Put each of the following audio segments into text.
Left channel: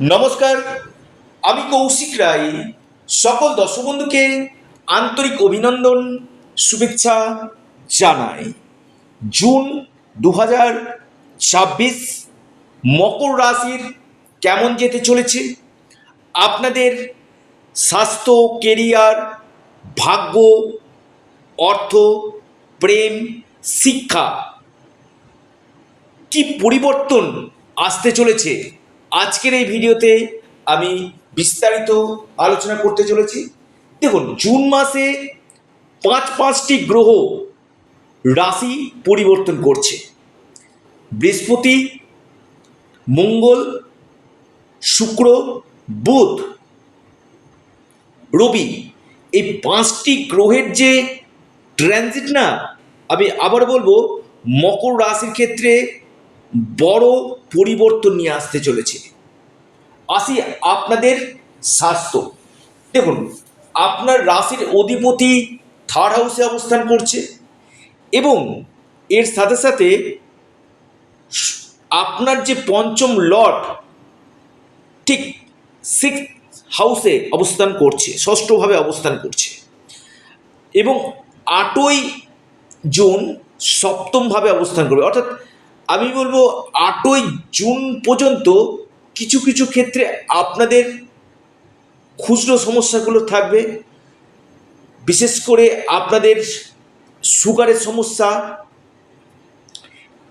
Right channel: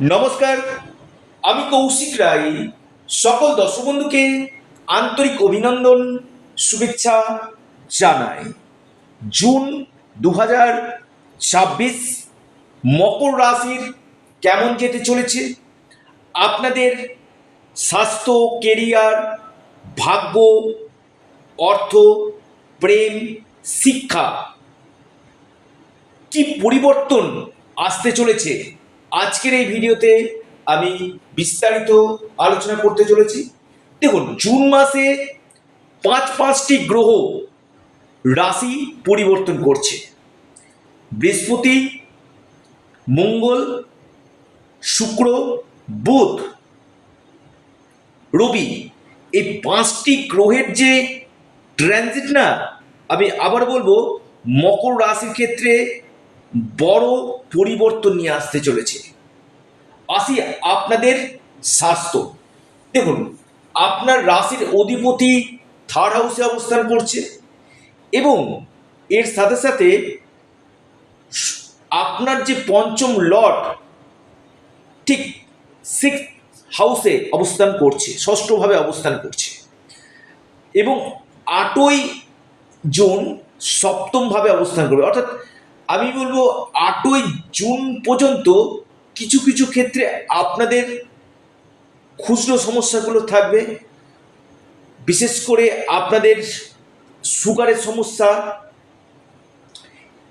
নমস্কার, আমি কৌশিক রায়। সকল দর্শক বন্ধুকে আন্তরিক অভিনন্দন, শুভেচ্ছা জানাই। জুন 2026 মকর রাশির কেমন যেতে চলেছে, আপনাদের স্বাস্থ্য, কেরিয়ার, ভাগ্য, অর্থ, প্রেম, শিক্ষা কি পরিবর্তন আসতে চলেছে, আজকের এই ভিডিওতে আমি বিস্তারিত আলোচনা করতে চলেছি। দেখুন, জুন মাসে পাঁচটি গ্রহ রাশি পরিবর্তন করছে। বৃহস্পতি, মঙ্গল, শুক্র, বুধ, রবি, এই পাঁচটি গ্রহের যে ট্রানজিট না, আমি আবার বলবো, মকর রাশির ক্ষেত্রে বড় পরিবর্তন নিয়ে আসতে চলেছে। আসি আপনাদের স্বাস্থ্য। দেখুন, আপনার রাশির অধিপতি থার্ড হাউসে অবস্থান করছে এবং এর সাথে সাথে আপনার যে পঞ্চম লর্ড ঠিক সিক্স হাউসে অবস্থান করছে, ষষ্ঠভাবে অবস্থান করছে এবং 8ই জুন সপ্তমভাবে অবস্থান করবে। অর্থাৎ আমি বলবো 8ই জুন পর্যন্ত কিছু কিছু ক্ষেত্রে আপনাদের খুচরো সমস্যাগুলো থাকবে। বিশেষ করে আপনাদের সুগারের সমস্যা,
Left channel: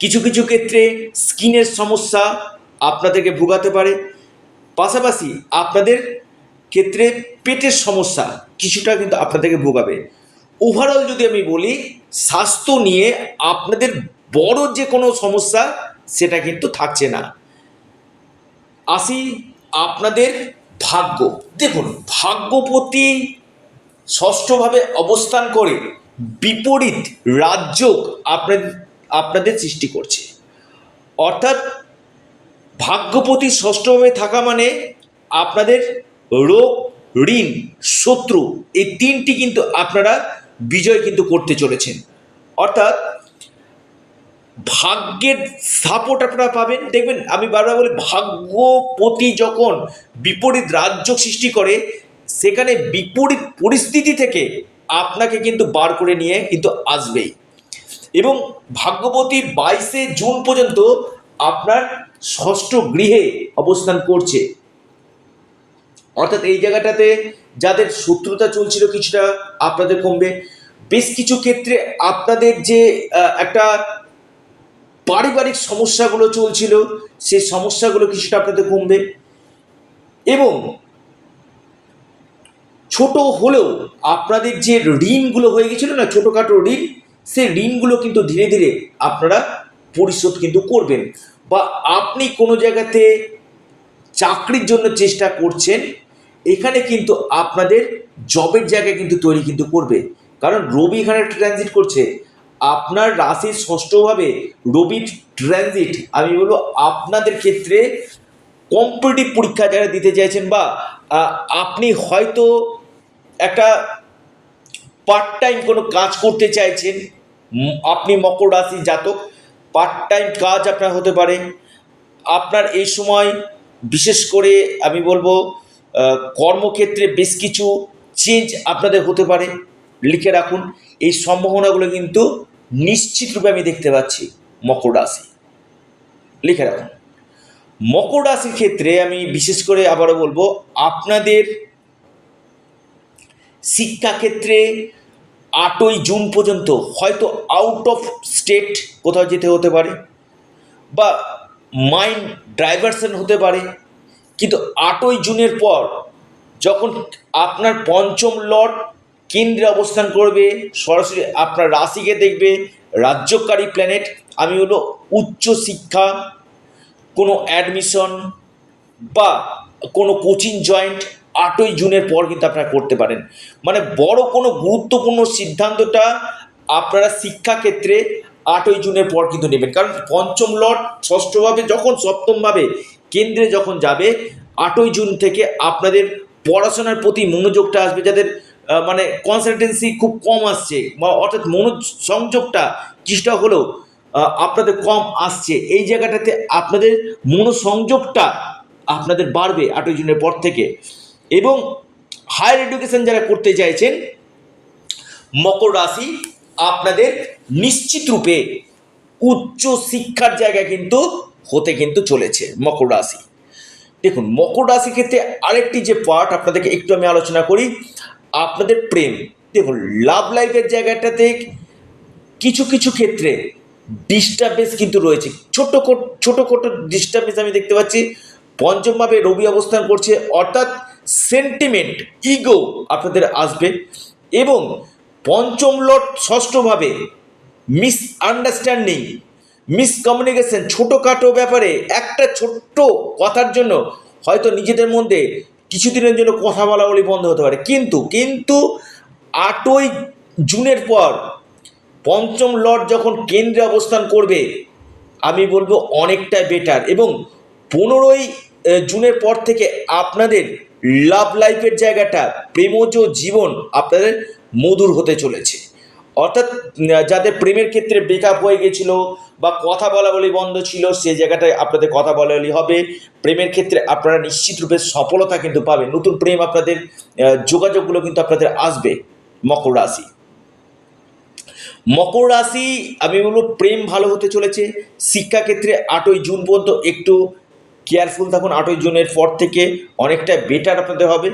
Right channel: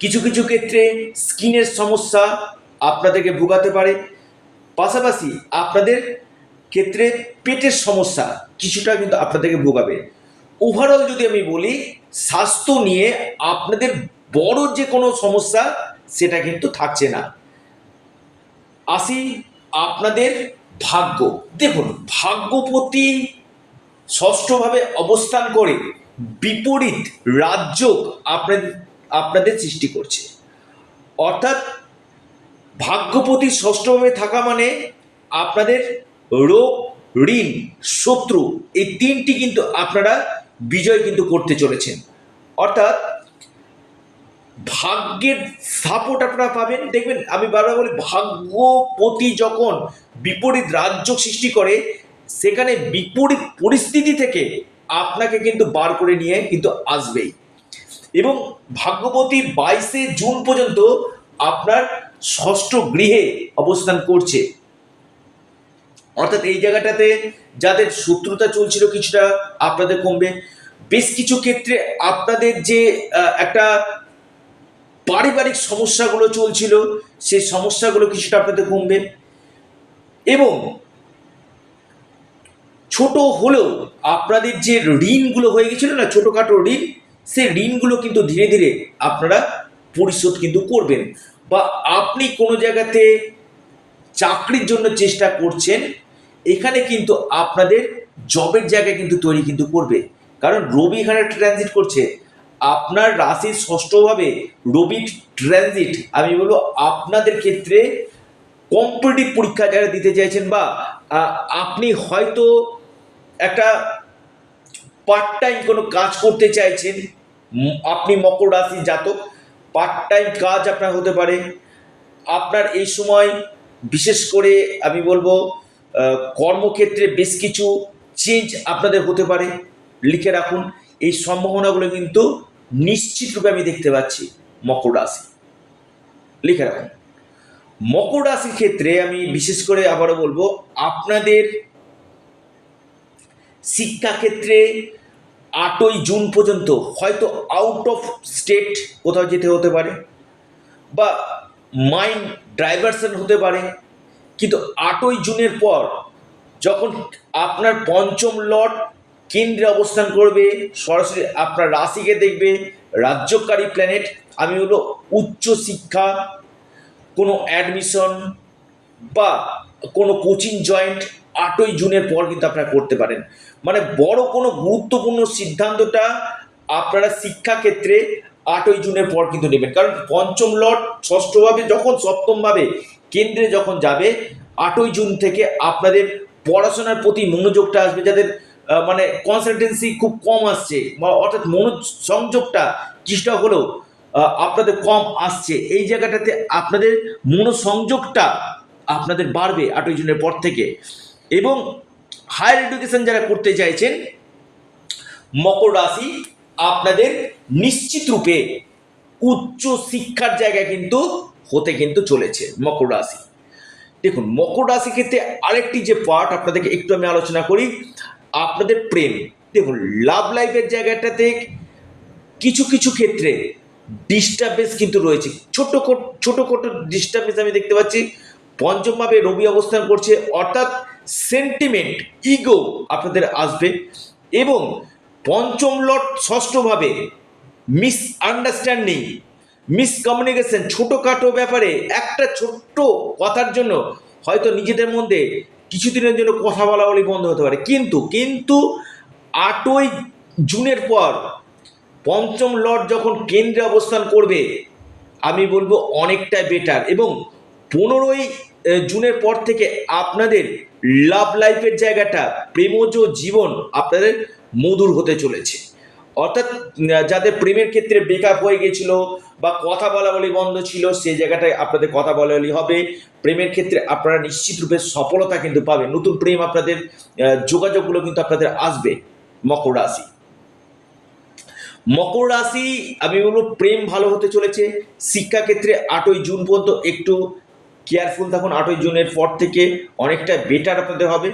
কিছু কিছু ক্ষেত্রে স্কিনের সমস্যা আপনাদেরকে ভোগাতে পারে। পাশাপাশি আপনাদের ক্ষেত্রে পেটের সমস্যা কিছুটা কিন্তু আপনাদেরকে ভোগাবে। ওভারঅল যদি আমি বলি, স্বাস্থ্য নিয়ে আপনাদের বড় যে কোনো সমস্যা সেটা কিন্তু থাকছে না। আসি আপনাদের ভাগ্য। দেখুন, ভাগ্যপতি ষষ্ঠভাবে অবস্থান করে বিপরীত রাজযোগ আপনাদের সৃষ্টি করছে। অর্থাৎ ভাগ্যপতি ষষ্ঠভাবে থাকা মানে আপনাদের রোগ, ঋণ, শত্রু, এই তিনটি কিন্তু আপনারা বিজয় কিন্তু করতে চলেছেন। অর্থাৎ ভাগ্যের সাপোর্ট আপনারা পাবেন। দেখবেন, আমি বারবার বলি, ভাগ্যপতি যখন বিপরীত রাজ্য সৃষ্টি করে, সেখানে বিপরীত পরিস্থিতি থেকে আপনাকে কিন্তু বার করে নিয়ে কিন্তু আসবেই। এবং ভাগ্যপতি 22শে জুন পর্যন্ত আপনার ষষ্ঠ গৃহে অবস্থান করছে। অর্থাৎ এই জায়গাটাতে যাদের শত্রুতা চলছিল কিছুটা আপনাদের কমবে। বেশ কিছু ক্ষেত্রে আপনাদের যে একটা পারিবারিক সমস্যাগুলো চলছিল, সেই সমস্যাগুলো কিছুটা আপনাদের কমবে এবং ছোট হলেও আপনাদের যে ঋণগুলো হয়ে গেছিল না, ছোটোখাটো ঋণ, সেই ঋণগুলো কিন্তু ধীরে ধীরে আপনারা পরিশোধ কিন্তু করবেন। বা আপনি কোনো জায়গাতে চাকরির জন্য চেষ্টা করছেন, এখানে কিন্তু আপনাদের জবের জায়গা কিন্তু তৈরি কিন্তু করবে। কারণ রবি এখানে ট্রানজিট করছে, আপনার রাশির ষষ্ঠভাবে রবি ট্রানজিট, আমি বলবো আপনাদের ক্ষেত্রে কম্পিটিটিভ পরীক্ষা যারা দিতে চাইছেন, বা আপনি হয়তো একটা পার্ট টাইম কোনো কাজ করতে চাইছেন, আপনি মকর রাশি জাতক, পার্ট টাইম কাজ আপনার হতে পারে। আপনার এই সময় বিশেষ করে আমি বলবো কর্মক্ষেত্রে বেশ কিছু চেঞ্জ আপনাদের হতে পারে। লিখে রাখুন, এই সম্ভাবনাগুলো কিন্তু নিশ্চিতরূপে আমি দেখতে পাচ্ছি মকর রাশি। লিখে রাখুন। মকর রাশির ক্ষেত্রে আমি বিশেষ করে আবারও বলবো, আপনাদের শিক্ষাক্ষেত্রে 8ই জুন পর্যন্ত হয়তো আউট অফ স্টেট কোথাও যেতে হতে পারে, বা মাইন্ড ডাইভারশন হতে পারে। কিন্তু 8ই জুনের পর যখন আপনার পঞ্চম লর্ড কেন্দ্রে অবস্থান করবে, সরাসরি আপনার রাশিকে দেখবে, রাজ্যকারী প্ল্যানেট, আমি বলবো উচ্চ শিক্ষা, কোনো অ্যাডমিশন বা কোনো কোচিং জয়েন্ট 8ই জুনের পর কিন্তু আপনারা করতে পারেন। মানে বড় কোনো গুরুত্বপূর্ণ সিদ্ধান্তটা আপনারা শিক্ষাক্ষেত্রে 8ই জুনের পর কিন্তু নেবেন। কারণ পঞ্চম লর্ড ষষ্ঠভাবে যখন সপ্তমভাবে কেন্দ্রে যখন যাবে, 8ই জুন থেকে আপনাদের পড়াশোনার প্রতি মনোযোগটা আসবে। যাদের মানে কনসালটেন্সি খুব কম আসছে, বা অর্থাৎ মনোসংযোগটা কিছুটা হলেও আপনাদের কম আসছে, এই জায়গাটাতে আপনাদের মনোসংযোগটা আপনাদের বাড়বে 8ই জুনের পর থেকে। এবং হায়ার এডুকেশন যারা করতে চাইছেন, মকর রাশি আপনাদের নিশ্চিত রূপে উচ্চ শিক্ষার জায়গা কিন্তু হতে কিন্তু চলেছে মকর রাশি। দেখুন, মকর রাশির ক্ষেত্রে আরেকটি যে পার্ট আপনাদেরকে একটু আমি আলোচনা করি, আপনাদের প্রেম। দেখুন, লাভ লাইফের জায়গাটাতে কিছু কিছু ক্ষেত্রে ডিস্টার্বেন্স কিন্তু রয়েছে, ছোটো ডিস্টার্বেন্স আমি দেখতে পাচ্ছি। পঞ্চমভাবে রবি অবস্থান করছে, অর্থাৎ সেন্টিমেন্ট, ইগো আপনাদের আসবে। এবং পঞ্চম লর্ড ষষ্ঠভাবে মিসআন্ডারস্ট্যান্ডিং, মিসকমিউনিকেশন, ছোটোখাটো ব্যাপারে একটা ছোট্ট কথার জন্য হয়তো নিজেদের মধ্যে কিছুদিনের জন্য কথা বলা বলি বন্ধ হতে পারে। কিন্তু 8ই জুনের পর পঞ্চম লর্ড যখন কেন্দ্রে অবস্থান করবে, আমি বলবো অনেকটাই বেটার। এবং 15ই জুনের পর থেকে আপনাদের লাভ লাইফের জায়গাটা, প্রেমজ জীবন আপনাদের মধুর হতে চলেছে। অর্থাৎ যাদের প্রেমের ক্ষেত্রে ব্রেকআপ হয়ে গেছিল বা কথা বলা বলি বন্ধ ছিল, সেই জায়গাটায় আপনাদের কথা বলা বলি হবে। প্রেমের ক্ষেত্রে আপনারা নিশ্চিত রূপে সফলতা কিন্তু পাবেন, নতুন প্রেম আপনাদের যোগাযোগগুলো কিন্তু আপনাদের আসবে। মকর রাশি, মকর রাশি আমি বলবো প্রেম ভালো হতে চলেছে। শিক্ষাক্ষেত্রে 8ই জুন পর্যন্ত একটু কেয়ারফুল থাকুন, 8ই জুনের পর থেকে অনেকটা বেটার আপনাদের হবে।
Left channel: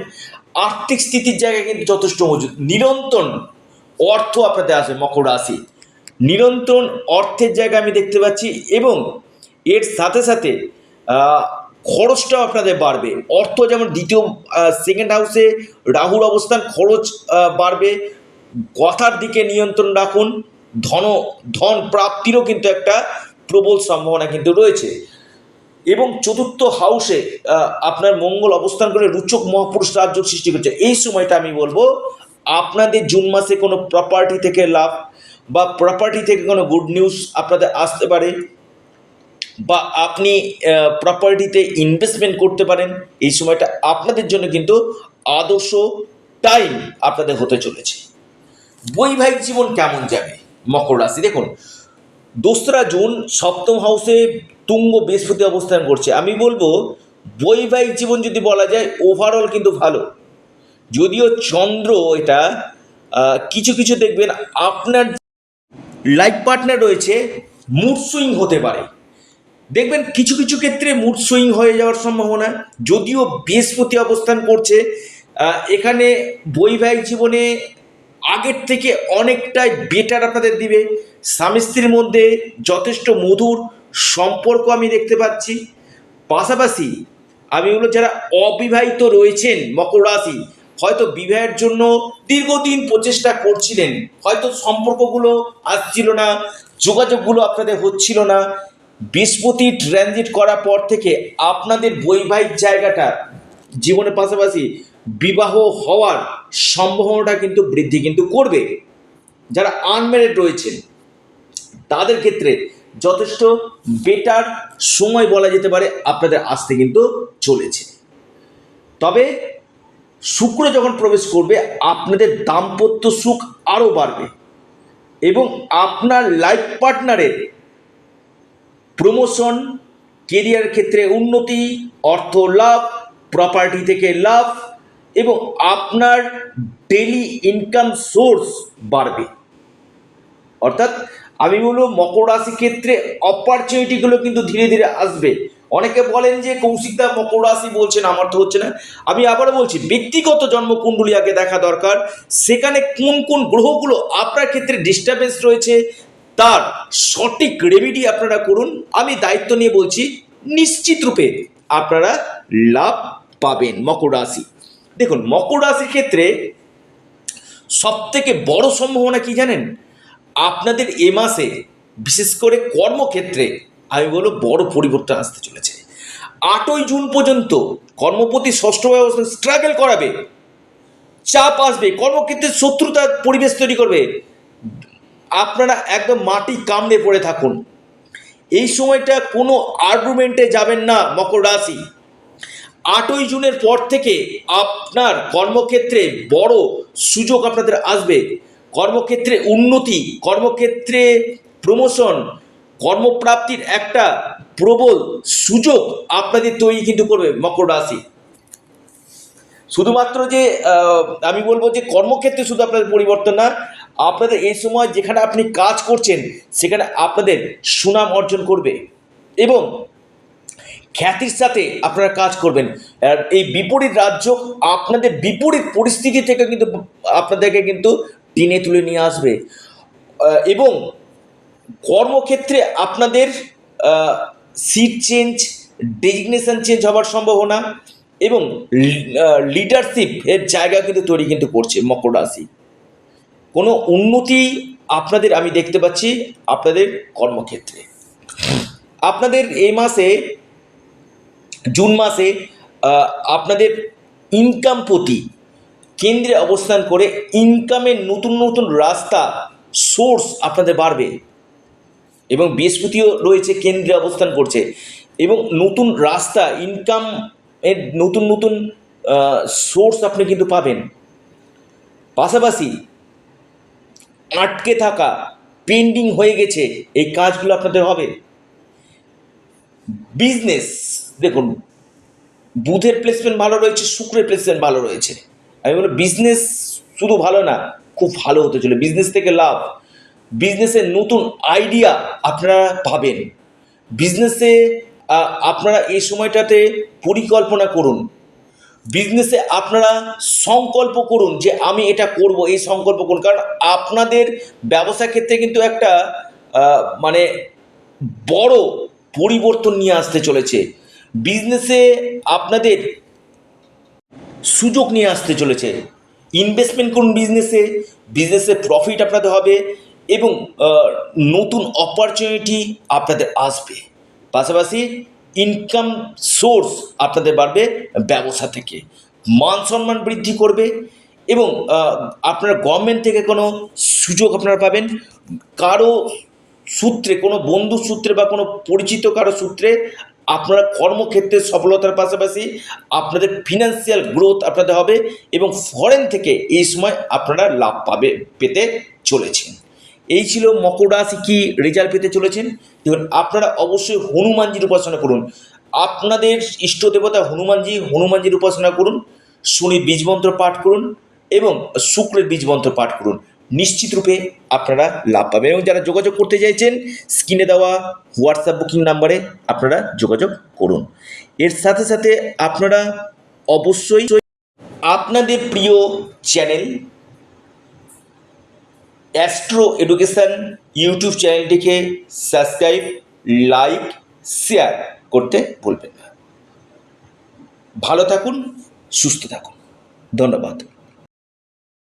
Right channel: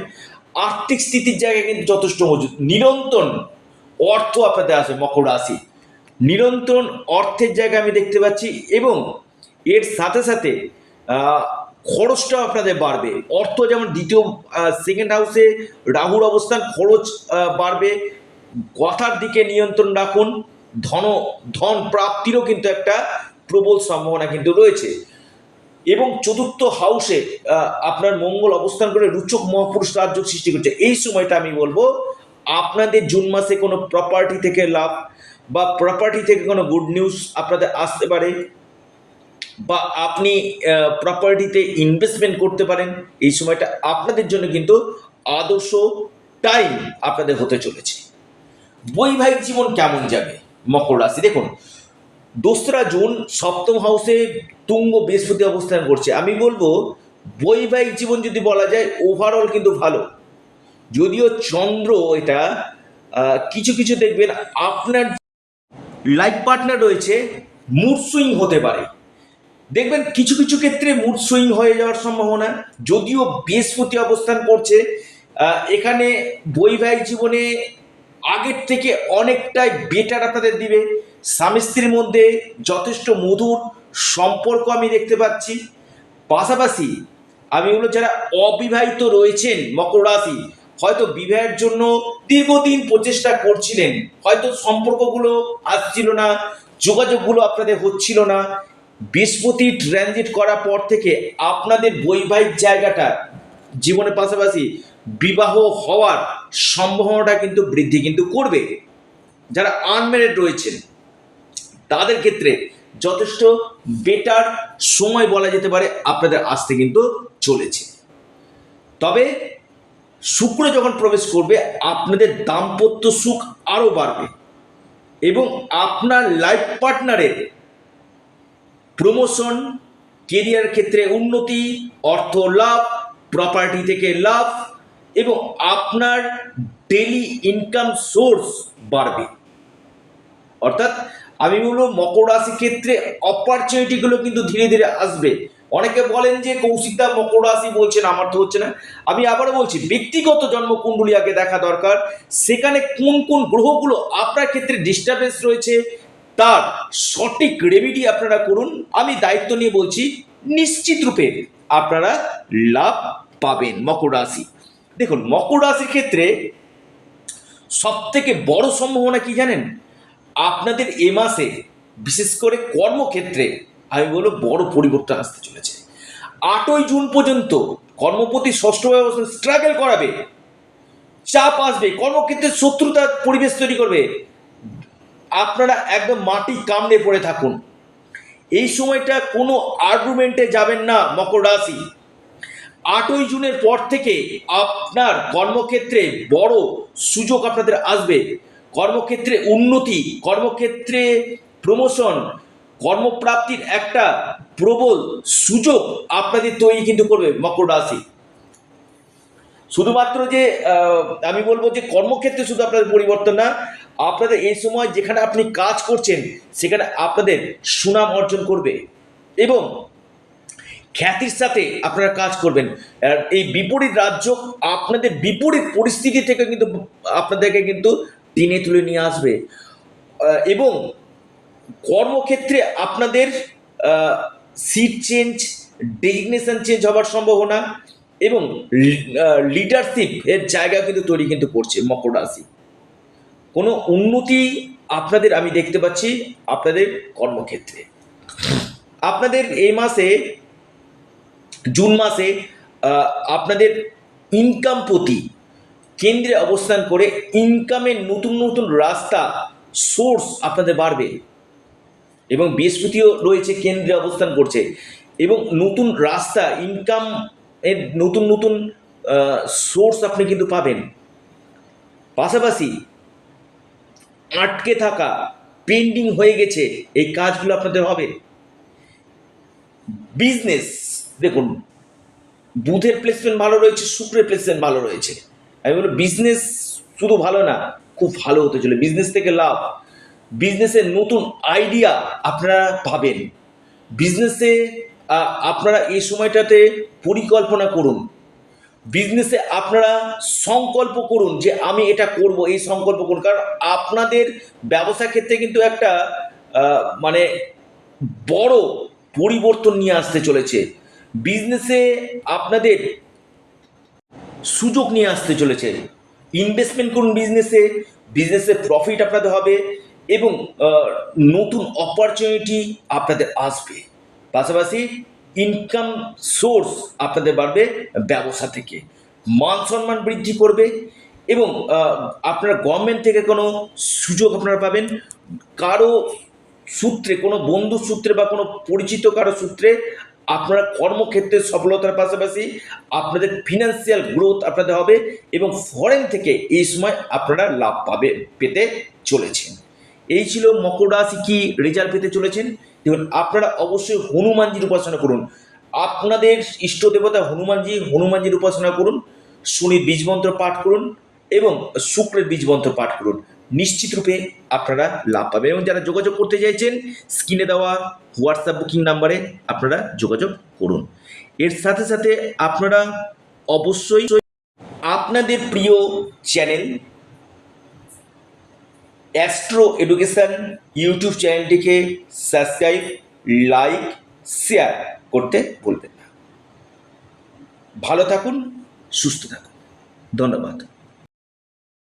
আর্থিক স্থিতির জায়গায় কিন্তু যথেষ্ট মজুদ, নিরন্তর অর্থ আপনাদের আসবে মকর রাশি, নিরন্তর অর্থের জায়গা আমি দেখতে পাচ্ছি। এবং এর সাথে সাথে খরচটাও আপনাদের বাড়বে। অর্থ যেমন দ্বিতীয় সেকেন্ড হাউসে রাহুর অবস্থান, খরচ বাড়বে। কথার দিকে নিয়ন্ত্রণ রাখুন। ধন প্রাপ্তিরও কিন্তু একটা প্রবল সম্ভাবনা কিন্তু রয়েছে। এবং চতুর্থ হাউসে আপনার মঙ্গল অবস্থান করে রুচক মহাপুরুষ রাজযোগ সৃষ্টি করছে। এই সময়টা আমি বলবো আপনাদের জুন মাসে কোনো প্রপার্টি থেকে লাভ বা প্রপার্টি থেকে কোনো গুড নিউজ আপনাদের আসতে পারে, বা আপনি প্রপার্টিতে ইনভেস্টমেন্ট করতে পারেন। এই সময়টা আপনাদের জন্য কিন্তু আদর্শ টাইম আপনাদের হতে চলেছে। বৈবাহিক জীবন কেমন যাবে মকর রাশি? দেখুন, 2রা জুন সপ্তম হাউসে তুঙ্গ বৃহস্পতি অবস্থান করছে। আমি বলবো বৈবাহিক জীবন যদি বলা যায় ওভারঅল কিন্তু ভালো। যদিও চন্দ্র এটা কিছু কিছু দেখবেন আপনার লাইফ পার্টনার রয়েছে মুড সুইং হতে পারে, দেখবেন কিছু কিছু ক্ষেত্রে মুড সুইং হয়ে যাওয়ার সম্ভাবনা। যদিও বৃহস্পতি অবস্থান করছে এখানে, বৈবাহিক জীবনে আগের থেকে অনেকটাই বেটার আপনাদের দিবে। স্বামী স্ত্রীর মধ্যে যথেষ্ট মধুর সম্পর্ক আমি দেখতে পাচ্ছি। পাশাপাশি আমি বলবো যারা অবিবাহিত রয়েছেন মকর রাশি, হয়তো বিবাহের জন্য দীর্ঘদিন প্রচেষ্টা করছিলেন, হয়তো সম্পর্কগুলো আসছিল না, যোগাযোগগুলো আপনাদের হচ্ছিল না, বৃহস্পতি ট্রানজিট করার পর থেকে আপনাদের বৈবাহিক জায়গাটা জীবনের পাশাপাশি বিবাহ হওয়ার সম্ভাবনাটা কিন্তু বৃদ্ধি কিন্তু করবে। যারা আনম্যারিড রয়েছেন তাদের ক্ষেত্রে যথেষ্ট বেটার সময় বলা যেতে পারে আপনাদের আসতে কিন্তু চলেছে। তবে শুক্র যখন প্রবেশ করবে আপনাদের দাম্পত্য সুখ আরও বাড়বে এবং আপনার লাইফ পার্টনারের প্রমোশন, কেরিয়ার ক্ষেত্রে উন্নতি, অর্থ লাভ, প্রপার্টি থেকে লাভ এবং আপনার ডেইলি ইনকাম সোর্স বাড়বে। অর্থাৎ আমি বলবো মকর রাশির ক্ষেত্রে অপরচুনিটিগুলো কিন্তু ধীরে ধীরে আসবে। অনেকে বলেন যে কৌশিকদা মকর রাশি বলছেন, আমার তো হচ্ছে না। আমি আবারও বলছি, ব্যক্তিগত জন্মকুণ্ডলী আগে দেখা দরকার, সেখানে কোন কোন গ্রহগুলো আপনার ক্ষেত্রে ডিস্টার্বেন্স রয়েছে তার সঠিক রেমেডি আপনারা করুন। আমি দায়িত্ব নিয়ে বলছি, নিশ্চিত রূপে আপনারা লাভ পাবেন মকর রাশি। দেখুন, মকর রাশির ক্ষেত্রে সব থেকে বড় সম্ভাবনা কি জানেন? আপনাদের এ মাসে বিশেষ করে কর্মক্ষেত্রে আমি বলবো বড় পরিবর্তন আসতে চলেছে। 8ই জুন পর্যন্ত কর্মপতি ষষ্ঠ ব্যবস্থা স্ট্রাগল করাবে, চাপ আসবে, কর্মক্ষেত্রে শত্রুতার পরিবেশ তৈরি করবে, আপনারা একদম মাটি কামড়ে পড়ে থাকুন। এই সময়টা কোনো আর্গুমেন্টে যাবেন না মকর রাশি। 8ই জুনের পর থেকে আপনার কর্মক্ষেত্রে বড় সুযোগ আপনাদের আসবে, কর্মক্ষেত্রে উন্নতি, কর্মক্ষেত্রে প্রমোশন, কর্মপ্রাপ্তির একটা প্রবল সুযোগ আপনাদের তৈরি কিন্তু করবে মকর রাশি। শুধুমাত্র যে আমি বলবো যে কর্মক্ষেত্রে শুধু আপনাদের পরিবর্তন না, আপনাদের এই সময় যেখানে আপনি কাজ করছেন সেখানে আপনাদের সুনাম অর্জন করবে এবং খ্যাতির সাথে আপনারা কাজ করবেন। আর এই বিপরীত রাজ্য আপনাদের বিপরীত পরিস্থিতি থেকে কিন্তু আপনাদেরকে কিন্তু টেনে তুলে নিয়ে আসবে এবং কর্মক্ষেত্রে আপনাদের সিট চেঞ্জ, ডেজিগনেশন চেঞ্জ হওয়ার সম্ভাবনা এবং লিডারশিপ এর জায়গা কিন্তু তৈরি কিন্তু করছে মকর রাশি। কোনো উন্নতি আপনাদের আমি দেখতে পাচ্ছি আপনাদের কর্মক্ষেত্রে। আপনাদের এই মাসে জুন মাসে আপনাদের ইনকাম প্রতি কেন্দ্রে অবস্থান করে ইনকামের নতুন নতুন রাস্তা সোর্স আপনাদের বাড়বে এবং বৃহস্পতিও রয়েছে কেন্দ্রে অবস্থান করছে এবং নতুন রাস্তা ইনকাম এর নতুন নতুন সোর্স আপনি কিন্তু পাবেন। পাশাপাশি আটকে থাকা পেন্ডিং হয়ে গেছে এই কাজগুলো আপনাদের হবে। বিজনেস দেখুন, বুধের প্লেসমেন্ট ভালো রয়েছে, শুক্রের প্লেসমেন্ট ভালো রয়েছে। আমি বলবো বিজনেস শুধু ভালো না, খুব ভালো হতে চলে। বিজনেস থেকে লাভ, বিজনেসের নতুন আইডিয়া আপনারা পাবেন। বিজনেসে আপনারা এই সময়টাতে পরিকল্পনা করুন। বিজনেসে আপনারা সংকল্প করুন যে আমি এটা করব, এই সংকল্প করুন। কারণ আপনাদের ব্যবসা ক্ষেত্রে কিন্তু একটা মানে বড় পরিবর্তন নিয়ে আসতে চলেছে। বিজনেসে আপনাদের সুযোগ নিয়ে আসতে চলেছে। ইনভেস্টমেন্ট করুন বিজনেসে, বিজনেসে প্রফিট আপনাদের হবে এবং নতুন অপরচুনিটি আপনাদের আসবে। পাশাপাশি ইনকাম সোর্স আপনাদের বাড়বে ব্যবসা থেকে, মান সম্মান বৃদ্ধি করবে এবং আপনারা গভর্নমেন্ট থেকে কোনো সুযোগ আপনারা পাবেন। কারো সূত্রে, কোনো বন্ধু সূত্রে বা কোনো পরিচিত কারো সূত্রে আপনারা কর্মক্ষেত্রে সফলতার পাশাপাশি আপনাদের ফিনান্সিয়াল গ্রোথ আপনাদের হবে এবং ফরেন থেকে এই সময় আপনারা লাভ পেতে চলেছেন। এই ছিল মকর রাশি কী রেজাল্ট পেতে চলেছেন। দেখুন, আপনারা অবশ্যই হনুমানজির উপাসনা করুন। আপনাদের ইষ্ট দেবতা হনুমানজির উপাসনা করুন, শনির বীজমন্ত্র পাঠ করুন এবং শুক্রের বীজমন্ত্র পাঠ করুন। নিশ্চিত রূপে আপনারা লাভ পাবেন। এবং যারা যোগাযোগ করতে চাইছেন স্ক্রিনে দেওয়া হোয়াটসঅ্যাপ বুকিং নাম্বারে আপনারা যোগাযোগ করুন। এর সাথে সাথে আপনারা অবশ্যই আপনাদের প্রিয় চ্যানেল অ্যাস্ট্রো এডুকেশন ইউটিউব চ্যানেলটিকে সাবস্ক্রাইব, লাইক, শেয়ার করতে ভুলবেন না। ভালো থাকুন, সুস্থ থাকুন। ধন্যবাদ।